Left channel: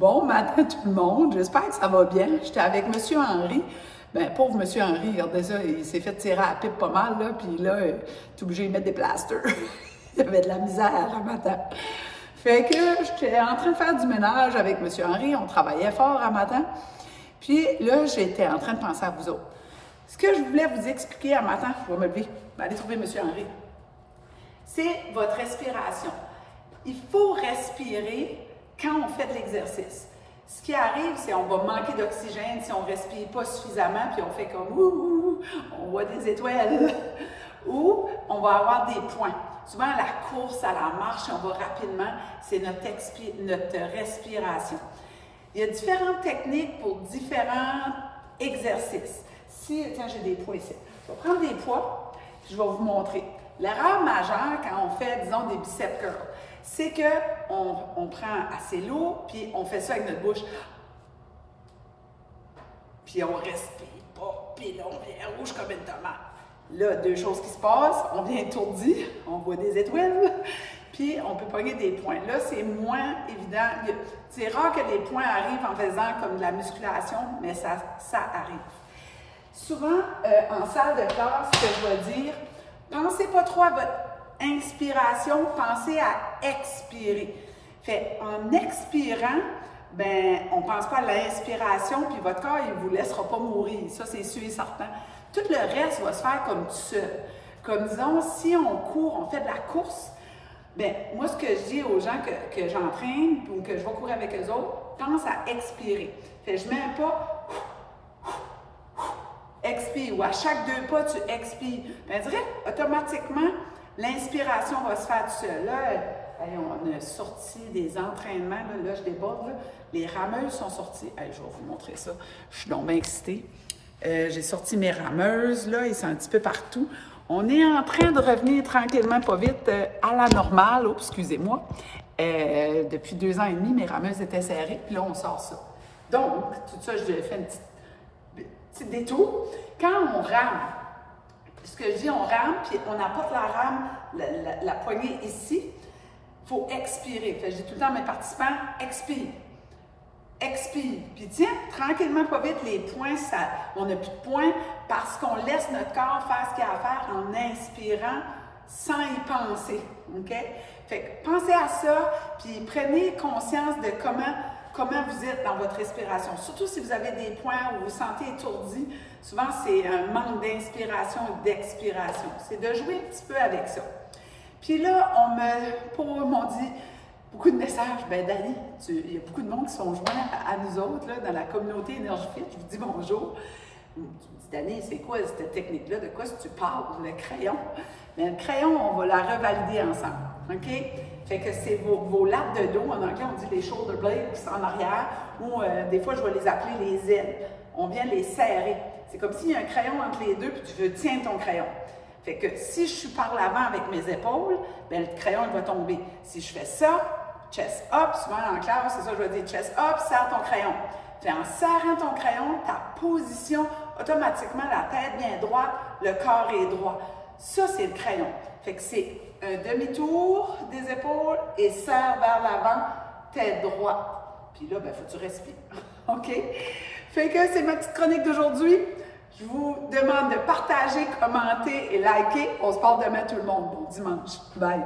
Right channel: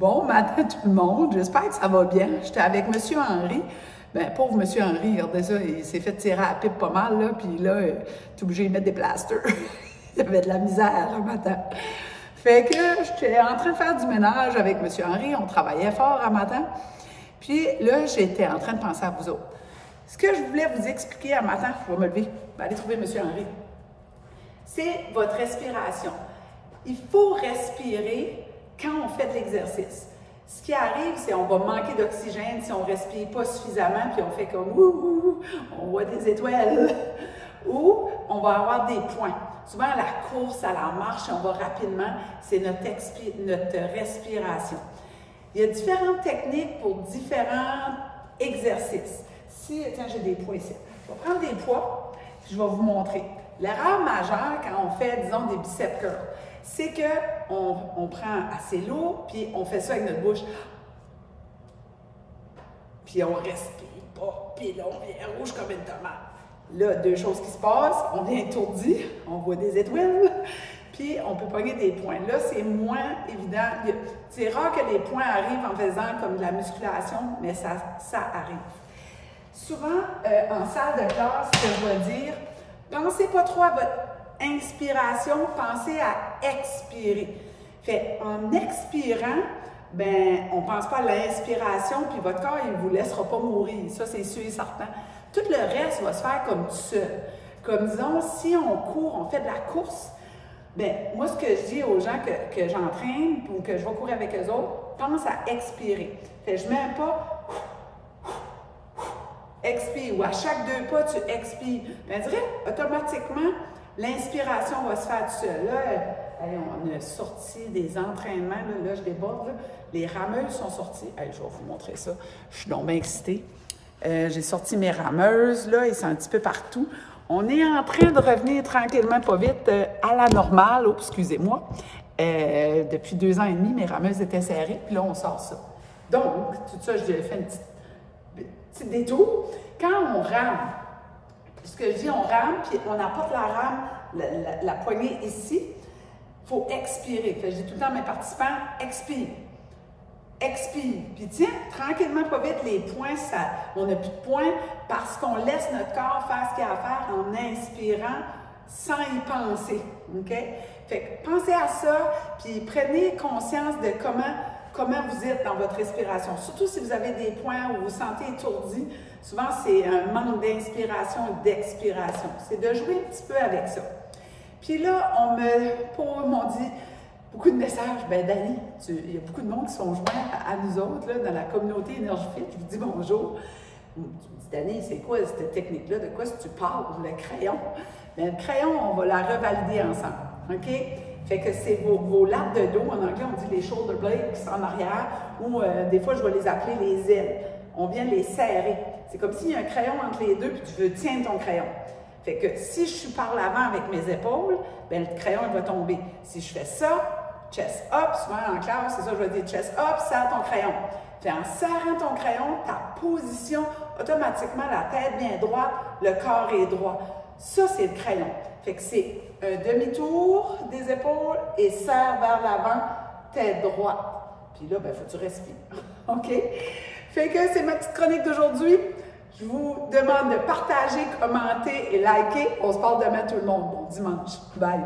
Bon matin tout le monde, j'espère que ça va bien. J'étais avec M. Henry. Ben, pauvre M. Henry, regardez ça, il s'est fait tirer à la pipe pas mal, là, puis là, il est obligé de mettre des plasters. Il avait de la misère le matin. Fait que j'étais en train de faire du ménage avec M. Henry, on travaillait fort à matin. Puis là, j'étais en train de penser à vous autres. Ce que je voulais vous expliquer à matin, je vais me lever, aller trouver M. Henry, c'est votre respiration. Il faut respirer quand on fait de l'exercice. Ce qui arrive, c'est qu'on va manquer d'oxygène si on ne respire pas suffisamment, puis on fait comme ouh, on voit des étoiles, ou on va avoir des points. Souvent, à la course, à la marche, on va rapidement, c'est notre respiration. Il y a différentes techniques pour différents exercices. Tiens, j'ai des poids ici. Je vais prendre des poids, puis je vais vous montrer. L'erreur majeure quand on fait, disons, des biceps curls, c'est qu'on prend assez lourd, puis on fait ça avec notre bouche. Puis on respire pas, puis là, on vient rouge comme une tomate. Là, deux choses qui se passent, on vient étourdi, on voit des étoiles, puis on peut pogner des points. Là, c'est moins évident. C'est rare que les points arrivent en faisant comme de la musculation, mais ça arrive. Souvent, en salle de classe, ce que je vais dire, pensez pas trop à votre inspiration, pensez à expirer. Fait, en expirant, ben, on ne pense pas à l'inspiration, puis votre corps, il ne vous laissera pas mourir. Ça, c'est sûr et certain. Tout le reste va se faire comme tout seul. Comme disons, si on court, on fait de la course, ben, moi, ce que je dis aux gens que j'entraîne ou que je vais courir avec eux autres, pense à expirer. Fait, je ne mets pas expire, ou à chaque deux pas, tu expires. Ben, je dirais, automatiquement, l'inspiration va se faire tout seul. Là, on a sorti des entraînements, là je déborde, là. Les rameuses sont sorties. Je vais vous montrer ça. Je suis donc bien excitée. J'ai sorti mes rameuses, là, ils sont un petit peu partout. On est en train de revenir tranquillement, pas vite, à la normale. Oh, excusez-moi. Depuis 2 ans et demi, mes rameuses étaient serrées, puis là, on sort ça. Donc, tout ça, je fait un petit détour. Quand on rame, ce que je dis, on rame, puis on apporte la rame, la poignée ici, il faut expirer. Fait, je dis tout le temps à mes participants, expire. Expire. Puis tiens, tranquillement, pas vite, les points, on n'a plus de points parce qu'on laisse notre corps faire ce qu'il a à faire en inspirant sans y penser. OK? Fait que pensez à ça, puis prenez conscience de comment vous êtes dans votre respiration. Surtout si vous avez des points où vous vous sentez étourdi, souvent c'est un manque d'inspiration et d'expiration. C'est de jouer un petit peu avec ça. Puis là, on m'ont dit beaucoup de messages. Ben Dani, il y a beaucoup de monde qui sont joints à nous autres là, dans la communauté EnergyFit. Je vous dis bonjour. Tu me dis, Dani, c'est quoi cette technique-là? De quoi tu parles? Le crayon? Bien, le crayon, on va la revalider ensemble. OK? Fait que c'est vos lattes de dos, en anglais on dit les shoulder blades qui sont en arrière, ou des fois je vais les appeler les ailes. On vient les serrer. C'est comme s'il y a un crayon entre les deux, puis tu veux tenir ton crayon. Fait que si je suis par l'avant avec mes épaules, bien le crayon il va tomber. Si je fais ça, chest up, souvent en classe, c'est ça que je vais dire, chest up, serre ton crayon. Fait en serrant ton crayon, ta position, automatiquement la tête bien droite, le corps est droit. Ça, c'est le crayon. Fait que c'est un demi-tour des épaules et serre vers l'avant, tête droite. Puis là, ben, faut que tu respires. OK? Fait que c'est ma petite chronique d'aujourd'hui. Je vous demande de partager, commenter et liker. On se parle demain tout le monde. Bon dimanche. Bye!